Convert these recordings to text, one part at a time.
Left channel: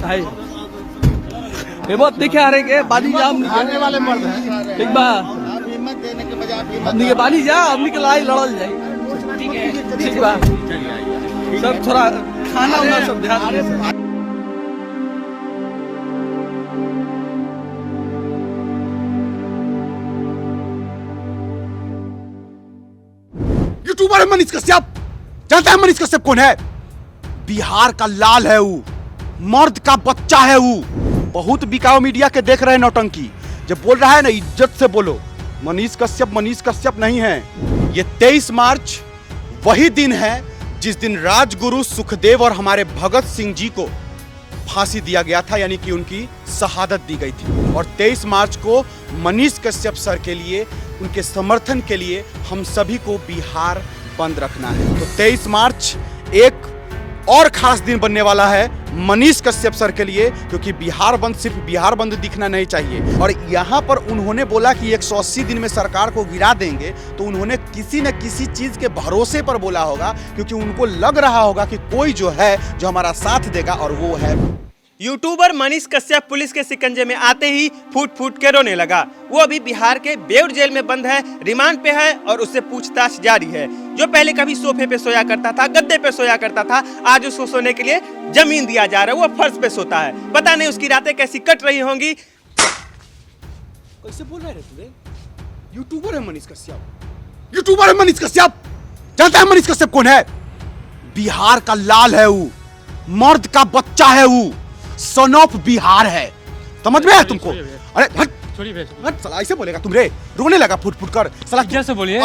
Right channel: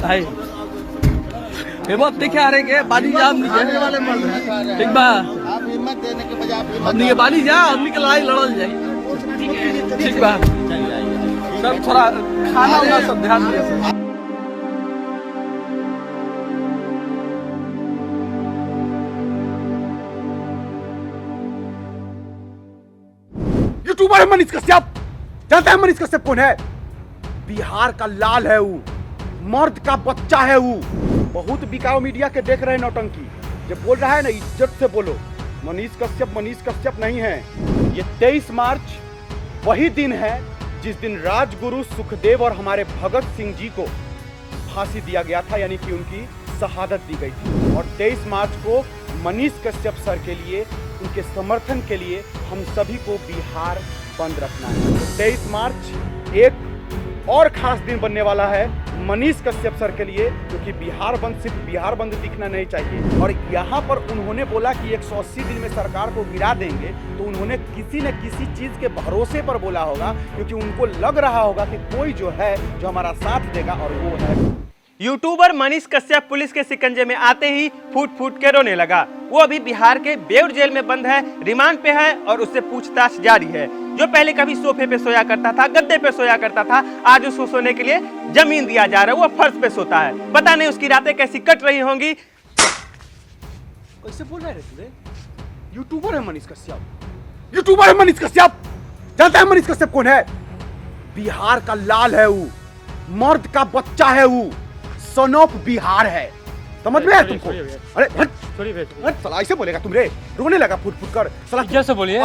भाई ये बहुत दिखे आ रहे के बाली जा खाने वाले मर्द हैं। ठीक बा आप हिम्मत देने के बजाय आप हिम्मत हमनी के बाली जा हमनी के लड़ाई लड़ल जाए ठीक बा सर थोड़ा खाना वाना सब ध्यान दे सर। यूट्यूबर है मनीष कश्यप। जानता है मनीष कश्यप कौन है? बिहार का लाल है वो, मर्द का बच्चा है वो। बहुत बिकाऊ मीडिया के देख रहे हैं नौटंकी। जब बोल रहा है ना इज्जत से बोलो। मनीष कश्यप नहीं है। ये 23 मार्च वही दिन है जिस दिन राजगुरु सुखदेव और हमारे भगत सिंह जी को फांसी दिया गया था, यानी कि उनकी शहादत दी गई थी। और 23 मार्च को मनीष कश्यप सर के लिए, उनके समर्थन के लिए हम सभी को बिहार बंद रखना है। तो 23 मार्च एक और खास दिन बनने वाला है मनीष कश्यप सर के लिए, क्योंकि बिहार बंद सिर्फ बिहार बंद दिखना नहीं चाहिए। और यहाँ पर उन्होंने बोला कि 180 दिन में सरकार को गिरा देंगे, तो उन्होंने किसी न किसी चीज के भरोसे पर बोला होगा, क्योंकि उनको लग रहा होगा कि कोई जो है जो हमारा साथ देगा, और वो है यूट्यूबर मनीष कश्यप पुलिस के शिकंजे में आते ही फूट फूट के रोने लगा। वो अभी बिहार के बेउर जेल में बंद है, रिमांड पे है और उससे पूछताछ जारी है। जो पहले कभी सोफे पे सोया करता था, गद्दे पे सोया करता था, आज उसको सोने के लिए जमीन दिया जा रहा है। वो फर्श पे सोता है। पता नहीं उसकी रातें कैसी कट रही होंगी। कैसे बोल रहे थे? यूट्यूबर है मनीष कश्यप। यूट्यूबर है मनीष कश्यप। जानता है मनीष कश्यप कौन है? बिहार का लाल है वो, मर्द का बच्चा है वो, सन ऑफ बिहार है। समझ में आया तुमको? अरे हट साला, ऐसे बोलेगा तुम रे? रोने लगा फुट फुट कर साला। कैसे बोलिए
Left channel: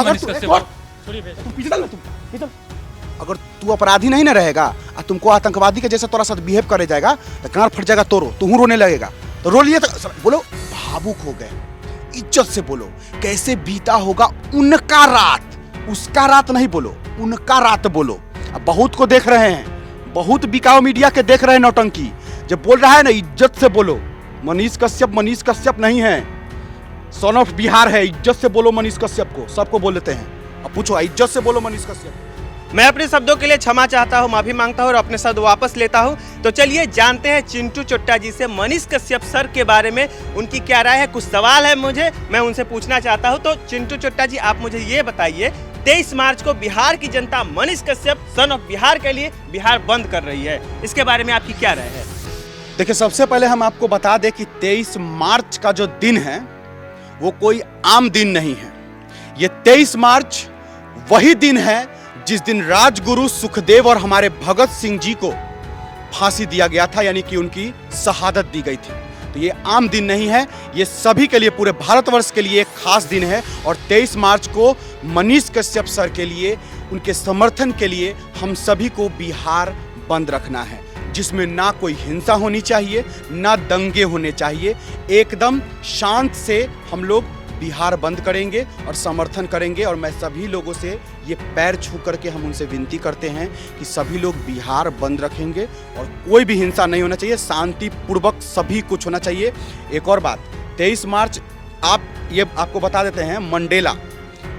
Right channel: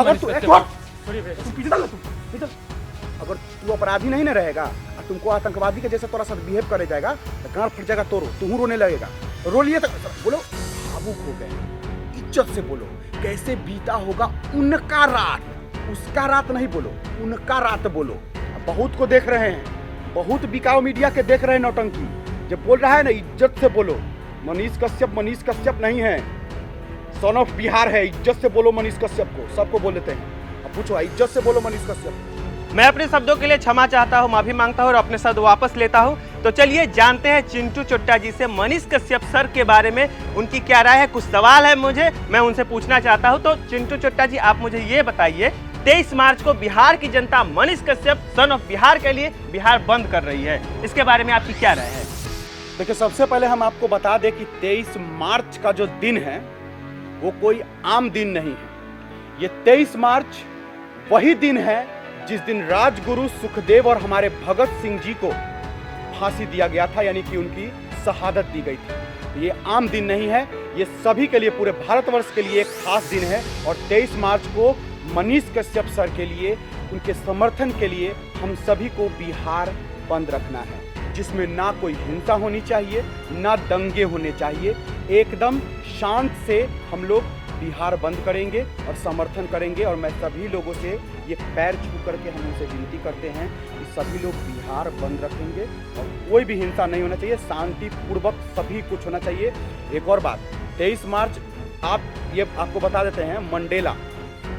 अगर तू अपराधी नहीं ना रहेगा और तुमको आतंकवादी के जैसा तोरा साथ बिहेव करे जाएगा तो गांड फट जाएगा। तोरो तू रोने लगेगा तो रो लिए। तो बोलो भावुक हो गए। इज्जत से बोलो। कैसे बीता होगा उनका रात, उसका रात नहीं बोलो, उनका रात बोलो। अब बहुत को देख रहे हैं, बहुत बिकाऊ मीडिया के देख रहे हैं नौटंकी। जब बोल रहा है ना इज्जत से बोलो। मनीष कश्यप नहीं है, सन ऑफ बिहार है। इज्जत से बोलो मनीष कश्यप को। सबको बोल देते हैं। अब पूछो इज्जत से बोलो मनीष कश्यप। मैं अपने शब्दों के लिए क्षमा चाहता हूँ, माफी मांगता हूँ और अपने शब्द वापस लेता हूँ। तो चलिए जानते हैं चिंटू चोट्टा जी से मनीष कश्यप सर के बारे में उनकी क्या राय है। कुछ सवाल है मुझे, मैं उनसे पूछना चाहता हूँ। तो चिंटू चोट्टा जी, आप मुझे ये बताइए, 23 मार्च को बिहार की जनता मनीष कश्यप सन ऑफ बिहार के लिए बिहार बंद कर रही है, इसके बारे में आपकी क्या राय है? देखिए, सबसे पहले हम आपको बता दें कि 23 मार्च का जो दिन है वो कोई आम दिन नहीं है। ये 23 मार्च वही दिन है जिस दिन राजगुरु सुखदेव और हमारे भगत सिंह जी को फांसी दिया गया था, यानी कि उनकी शहादत दी गई थी। तो ये आम दिन नहीं है, ये सभी के लिए, पूरे भारतवर्ष के लिए एक खास दिन है। और 23 मार्च को मनीष कश्यप सर के लिए, उनके समर्थन के लिए हम सभी को बिहार बंद रखना है, जिसमें ना कोई हिंसा होनी चाहिए, ना दंगे होने चाहिए। एकदम शांत से हम लोग बिहार बंद करेंगे और समर्थन करेंगे। और मैं सभी लोगों से ये पैर छू करके हम उनसे विनती करते हैं कि सभी लोग बिहार बंद रखेंगे और कोई भी हिंसा नहीं होना चाहिए, शांतिपूर्वक सभी कुछ होना चाहिए। एक और बात, 23 मार्च आपको बता देते हैं,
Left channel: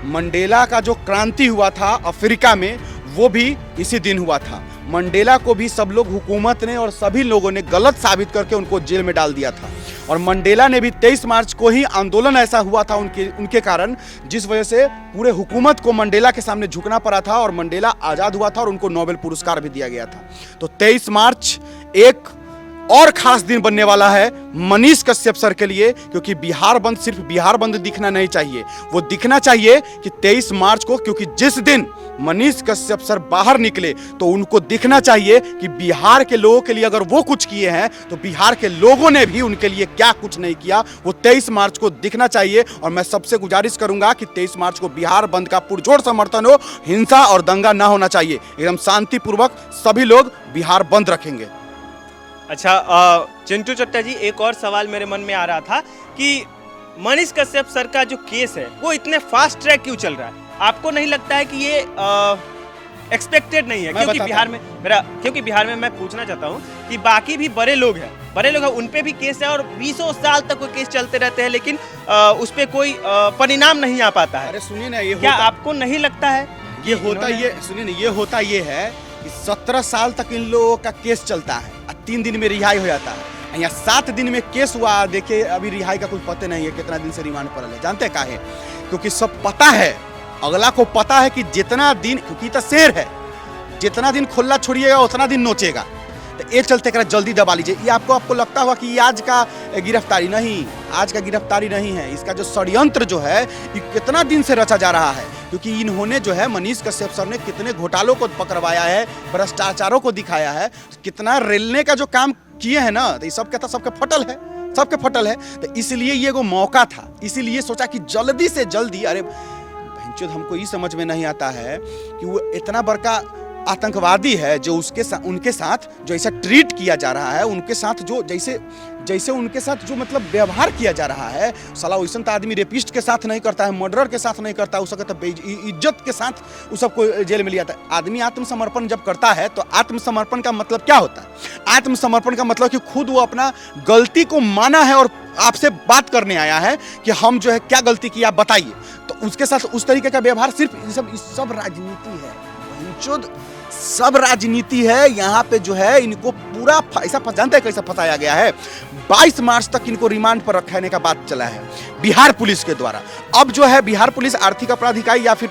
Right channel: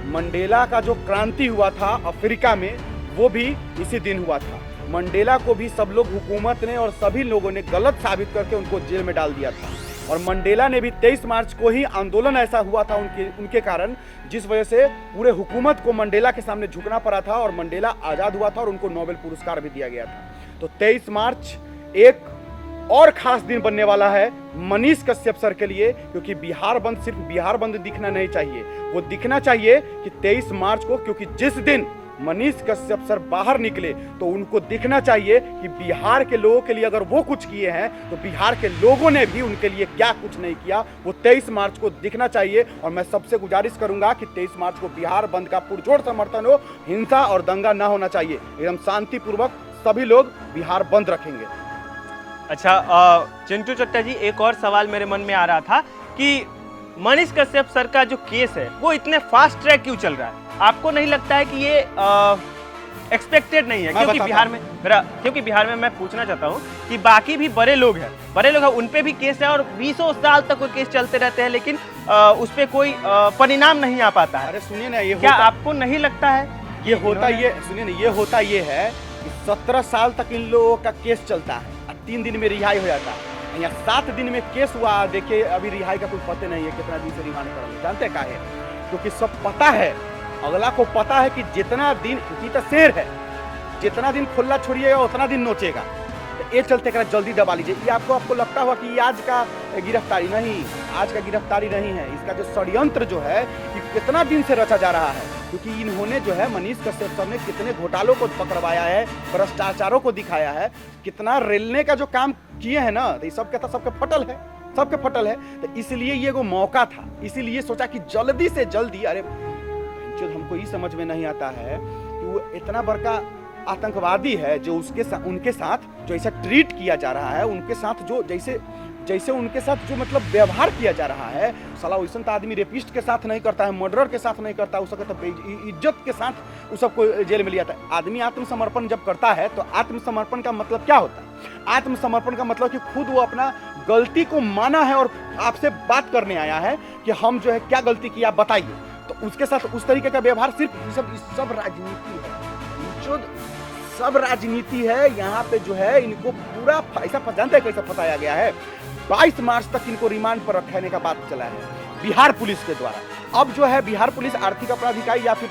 मंडेला का जो क्रांति हुआ था अफ्रीका में, वो भी इसी दिन हुआ था। मंडेला को भी सब लोग, हुकूमत ने और सभी लोगों ने गलत साबित करके उनको जेल में डाल दिया था। और मंडेला ने भी 23 मार्च को ही आंदोलन ऐसा हुआ था उनके कारण, जिस वजह से पूरे हुकूमत को मंडेला के सामने झुकना पड़ा था और मंडेला आजाद हुआ था और उनको नोबेल पुरस्कार भी दिया गया था। तो 23 मार्च एक और खास दिन बनने वाला है मनीष कश्यप सर के लिए, क्योंकि बिहार बंद सिर्फ बिहार बंद दिखना नहीं चाहिए। वो दिखना चाहिए कि 23 मार्च को, क्योंकि जिस दिन मनीष कश्यप सर बाहर निकले तो उनको दिखना चाहिए कि बिहार के लोगों के लिए अगर वो कुछ किए हैं तो बिहार के लोगों ने भी उनके लिए क्या कुछ नहीं किया, वो 23 मार्च को दिखना चाहिए। और मैं सबसे गुजारिश करूंगा कि 23 मार्च को बिहार बंद का पुरजोर समर्थन हो, हिंसा और दंगा ना होना चाहिए। एकदम शांतिपूर्वक सभी लोग बिहार बंद रखेंगे। अच्छा, चिंटू चोट्टा जी, एक और सवाल मेरे मन में आ रहा था कि मनीष कश्यप सर का जो केस है वो इतने फास्ट ट्रैक क्यों चल रहा है? आपको नहीं लगता है कि ये एक्सपेक्टेड नहीं है? क्योंकि बिहार में मैं पूछना चाहता हूँ कि बाकी भी बड़े लोग हैं, उन पे भी केस है और 20 साल तक वो केस चलते रहते हैं, लेकिन उस पे कोई परिणाम नहीं आ पाता है। अरे सुनिए ना, ये क्या आपको नहीं लगता है ये होता ये है कि 17 साल तक इन लोगों का केस चलता है, 3 दिन में रिहाई हो जाता है, यहाँ 7 दिन में केस हुआ। देखिए अभी रिहाई का कुछ पता नहीं है, कितना दिन से रिमांड पर है। जानते का है, क्योंकि सब पता है, अगला को पता है कि जितना दिन, क्योंकि तो शेर है, जितना दिन खुला छोड़िएगा उतना दिन नोचेगा। तो एक चलते कर जल्दी दबा लीजिए। ये आपको लगता होगा कि ये आज का गिरफ्तारी नहीं, आज का गिरफ्तारी नहीं है। इसका जो षड्यंत्र जो है ये कितना दिन से रचा जा रहा है, क्योंकि इन्होंने जो है मनीष कश्यप सर ने कितने घोटालों को पकड़वाया है, भ्रष्टाचारों को दिखाया है, कितना रेलने का जो काम किए हैं ना, तो ये सबके फटल है, सबके फटल है। तो इसलिए ये वो मौका था, इसीलिए सोचा कि जल्दी से जल्दी, अरे भैंचोद हमको ये समझ में नहीं आता है कि वो इतना बड़का आतंकवादी है जो उनके साथ जो ऐसा ट्रीट किया जा रहा है, उनके साथ जो जैसे उनके साथ जो मतलब व्यवहार किया जा रहा है, साला वैसा तो आदमी रेपिस्ट के साथ नहीं करता है, मर्डरर के साथ नहीं करता, उसका तो इज्जत के साथ उस सबको जेल में लिया जाता है। आदमी आत्मसमर्पण जब करता है तो आत्मसमर्पण का मतलब क्या होता है? आत्मसमर्पण का मतलब कि खुद वो अपना गलती को माना है और आपसे बात करने आया है कि हम जो है क्या गलती की आप बताइए। तो उसके साथ उस तरीके का व्यवहार, सिर्फ सब राजनीति है, सब राजनीति है। यहाँ पे जो है इनको पूरा ऐसा जानते हैं कैसा फंसाया गया है। 22 मार्च तक इनको रिमांड पर रखने का बात चला है बिहार पुलिस के द्वारा। अब जो है बिहार पुलिस आर्थिक अपराध इकाई या फिर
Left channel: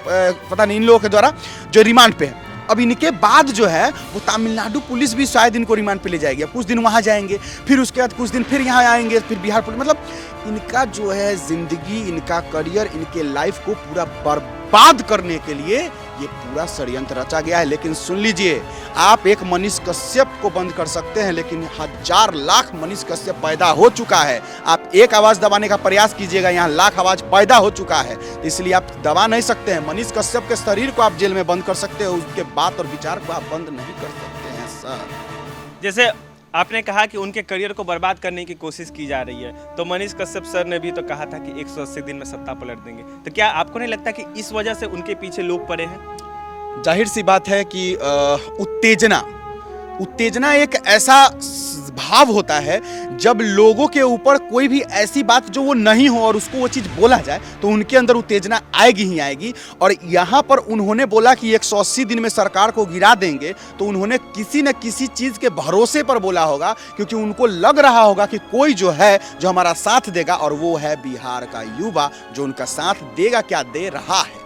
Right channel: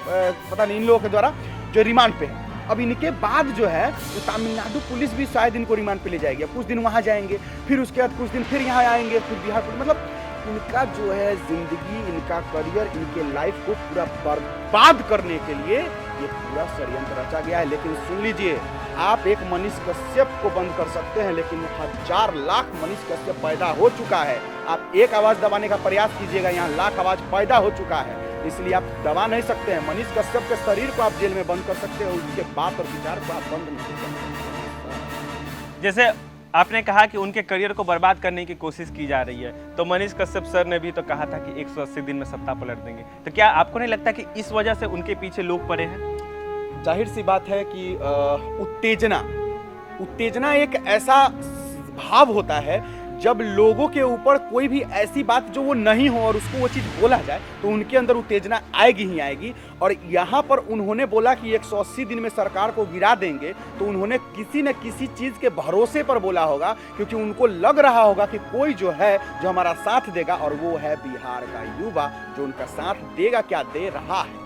पता नहीं इन लोगों के द्वारा जो रिमांड पे है। अब इनके बाद जो है वो तमिलनाडु पुलिस भी शायद इनको रिमांड पे ले जाएगी। कुछ दिन वहां जाएंगे, फिर उसके बाद कुछ दिन फिर यहाँ आएंगे, फिर बिहार पुलिस। मतलब इनका जो है जिंदगी, इनका करियर, इनके लाइफ को पूरा बर्बाद करने के लिए ये पूरा षड्यंत्र रचा गया है। लेकिन सुन लीजिए, आप एक मनीष कश्यप को बंद कर सकते हैं, लेकिन 1000 लाख मनीष कश्यप पैदा हो चुका है। आप एक आवाज दबाने का प्रयास कीजिएगा, यहाँ लाख आवाज पैदा हो चुका है, इसलिए आप दबा नहीं सकते हैं। मनीष कश्यप के शरीर को आप जेल में बंद कर सकते हैं, उसके बात और विचार को आप बंद नहीं कर सकते हैं सर। जैसे आपने कहा कि उनके करियर को बर्बाद करने की कोशिश की जा रही है, तो मनीष कश्यप सर ने भी तो कहा था कि 180 दिन में सत्ता पलट देंगे। तो क्या आपको नहीं लगता कि इस वजह से उनके पीछे लोग पड़े हैं? जाहिर सी बात है कि उत्तेजना एक ऐसा भाव होता है जब लोगों के ऊपर कोई भी ऐसी बात जो वो नहीं हो और उसको वो चीज़ बोला जाए तो उनके अंदर उत्तेजना आएगी ही आएगी। और यहाँ पर उन्होंने बोला कि 180 दिन में सरकार को गिरा देंगे, तो उन्होंने किसी न किसी चीज़ के भरोसे पर बोला होगा, क्योंकि उनको लग रहा होगा कि कोई जो है जो हमारा साथ देगा, और वो है बिहार का युवा जो उनका साथ देगा, क्या दे रहा है।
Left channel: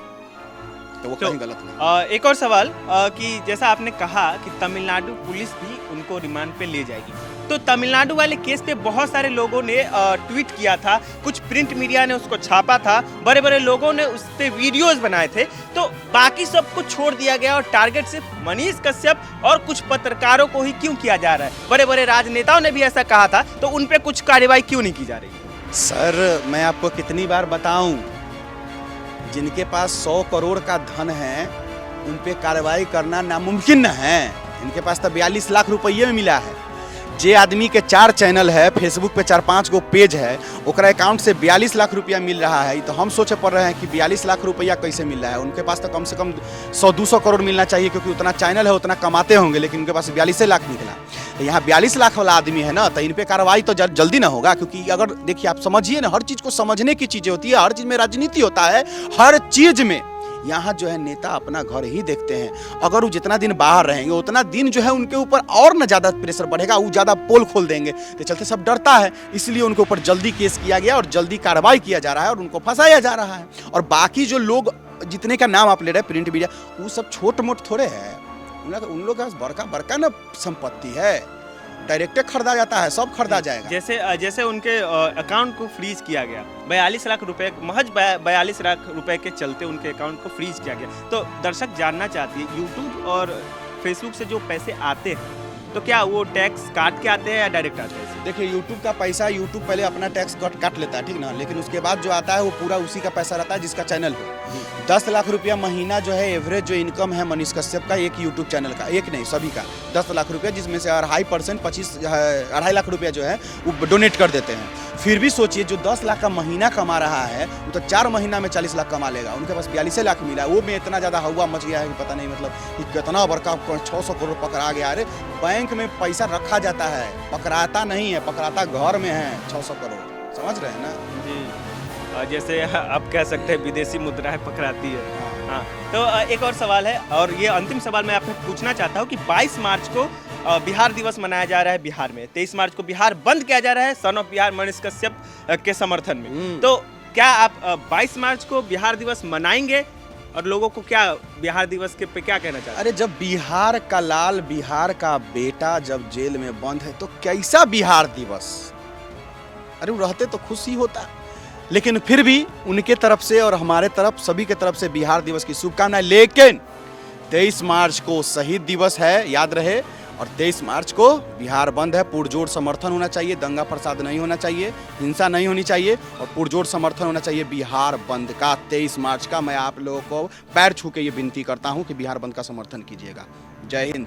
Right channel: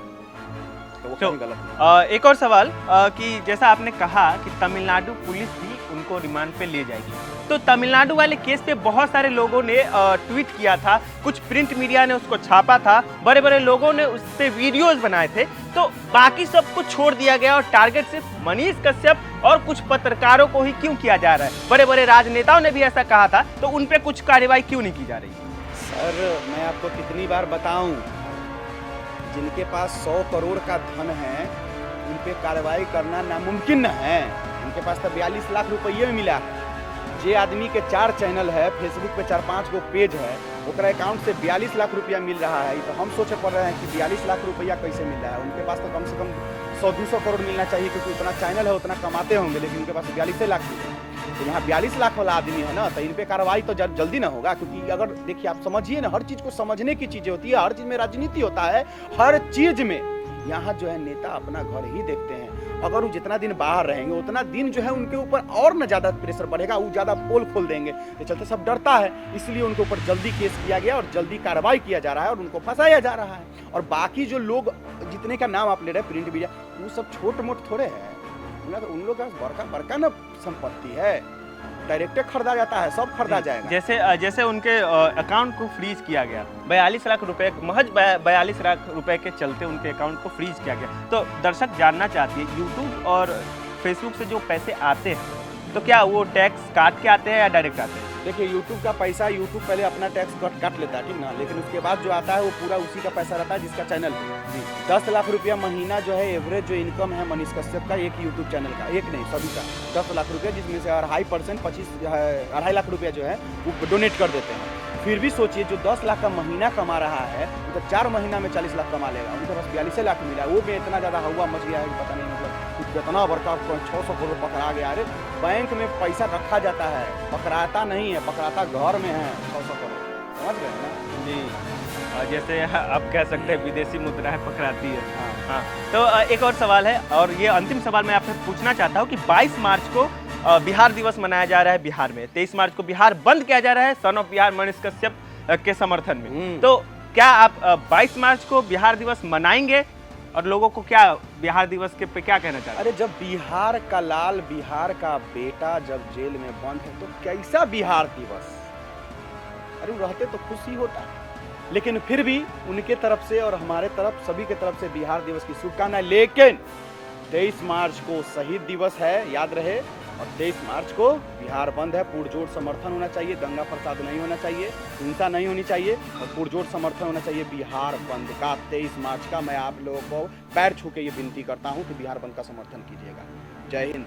तो वो कहीं गलत नहीं। एक और सवाल कि जैसा आपने कहा कि तमिलनाडु पुलिस भी उनको रिमांड पे ले जाएगी, तो तमिलनाडु वाले केस पे बहुत सारे लोगों ने ट्वीट किया था, कुछ प्रिंट मीडिया ने उसको छापा था, बड़े बड़े लोगों ने उस पर वीडियोज बनाए थे, तो बाकी सब कुछ छोड़ दिया गया और टारगेट सिर्फ मनीष कश्यप और कुछ पत्रकारों को ही क्यों किया जा रहा है? बड़े बड़े राजनेताओं ने भी ऐसा कहा था, तो उन पर कुछ कार्रवाई क्यों नहीं की जा रही? सर मैं आपको कितनी बार बताऊं, जिनके पास 100 करोड़ का धन है उन पे कार्रवाई करना नामुमकिन है। उनके पास तो 42 लाख रुपये में मिला है। जे आदमी के 4 चैनल है, फेसबुक पे 4-5 गो पेज है, ओकरा अकाउंट से 42 लाख रुपया मिल रहा है। तो हम सोचे पड़ रहे हैं कि 42 लाख रुपया कैसे मिल रहा है। उनके पास तो कम से कम 100-200 करोड़ मिलना चाहिए, क्योंकि उतना चैनल है, उतना कमाते होंगे, लेकिन उनके पास 42 लाख निकला। तो यहाँ 42 लाख वाला आदमी है ना, तो इन पे कार्रवाई तो जल्दी ना होगा, क्योंकि अगर देखिए आप समझिए ना, हर चीज़ को समझने की चीज़ें होती है, हर चीज़ में राजनीति होता है, हर चीज़ में। यहाँ जो है नेता अपना घर ही देखते हैं। अगर वो जितना दिन बाहर रहेंगे उतना दिन जो है उनके ऊपर और न ज़्यादा प्रेशर बढ़ेगा, वो ज़्यादा पोल खोल देंगे। तो चलते सब डरता है, इसलिए उनके ऊपर जल्दी केस किया गया और जल्दी कार्रवाई किया जा रहा है और उनको फंसाया जा रहा है। और बाकी जो लोग जितने का नाम आप ले रहे हैं प्रिंट मीडिया, वो सब छोट मोट थोड़े हैं। उन लोग का बड़का न संपत्ति है, डायरेक्ट खरीदा जाता है, सब खरीदा जाएगा। जैसे उनके अकाउंट को फ्रीज किया गया, 42 लाख रुपए, महज 42 लाख रुपए के चलते उनके अकाउंट को फ्रीज किया गया। तो दर्शक जानना चाहते हैं, यूट्यूब और फेसबुक से जो पैसे आते हैं, तो क्या वो टैक्स काट के आते हैं या डायरेक्ट आते हैं? देखिए यूट्यूब का पैसा, यूट्यूब पहले अपना टैक्स काट लेता है, ठीक ना, लेकिन उसके बाद जो आता है वो पूरा उसी का पैसा रहता है जिसका चैनल है। 10 लाख रुपया महीना जो है एवरेज जो इनकम है मनीष कश्यप का, एक यूट्यूब चैनल का, एक नहीं सभी का 10 लाख रुपया, जिसमें से 2.5% 2.5 लाख रुपया जो है वो डोनेट कर देते हैं। फिर भी सोचिए जो 10 लाख का महीना कमा रहा है वो तो 4 महीना में 40 लाख कमा लेगा। उनके पास 42 लाख मिला, वो भी इतना ज़्यादा हवा मच गया है कि पता नहीं, मतलब कितना बड़का 600 करोड़ पकड़ा गया। अरे बैंक में पैसा रखा जाता है, पकड़ाता नहीं है, पकड़ाता घर में है 600 करोड़, समझ रहे हैं ना जी। जैसे आप कह सकते हैं विदेशी मुद्राएं पकड़ाती है। हाँ, तो एक और सवाल है, और ये अंतिम सवाल मैं आपसे पूछना चाहता हूँ कि 22 मार्च को बिहार दिवस मनाया जा रहा है बिहार में, 23 मार्च को बिहार बंद किया जा रहा है सन ऑफ बिहार मनीष कश्यप के समर्थन में। तो क्या आप 22 मार्च को बिहार दिवस मनाएंगे और लोगों को क्या बिहार दिवस के पे क्या कहना चाहते हैं? अरे जब बिहार का लाल, बिहार का बेटा जब जेल में बंद है तो कैसा बिहार दिवस? अरे वो रहते तो खुशी होता, लेकिन फिर भी उनके तरफ से और हमारे तरफ सभी के तरफ से बिहार दिवस की शुभकामनाएं। लेकिन 23 मार्च को शहीद दिवस है, याद रहे, और 23 मार्च को बिहार बंद है। पुरजोर समर्थन होना चाहिए, दंगा फसाद नहीं होना चाहिए, हिंसा नहीं होनी चाहिए और पुरजोर समर्थन होना चाहिए बिहार बंद का 23 मार्च का। मैं आप लोगों को पैर छू के ये विनती करता हूं कि बिहार बंद का समर्थन कीजिएगा। जय हिंद।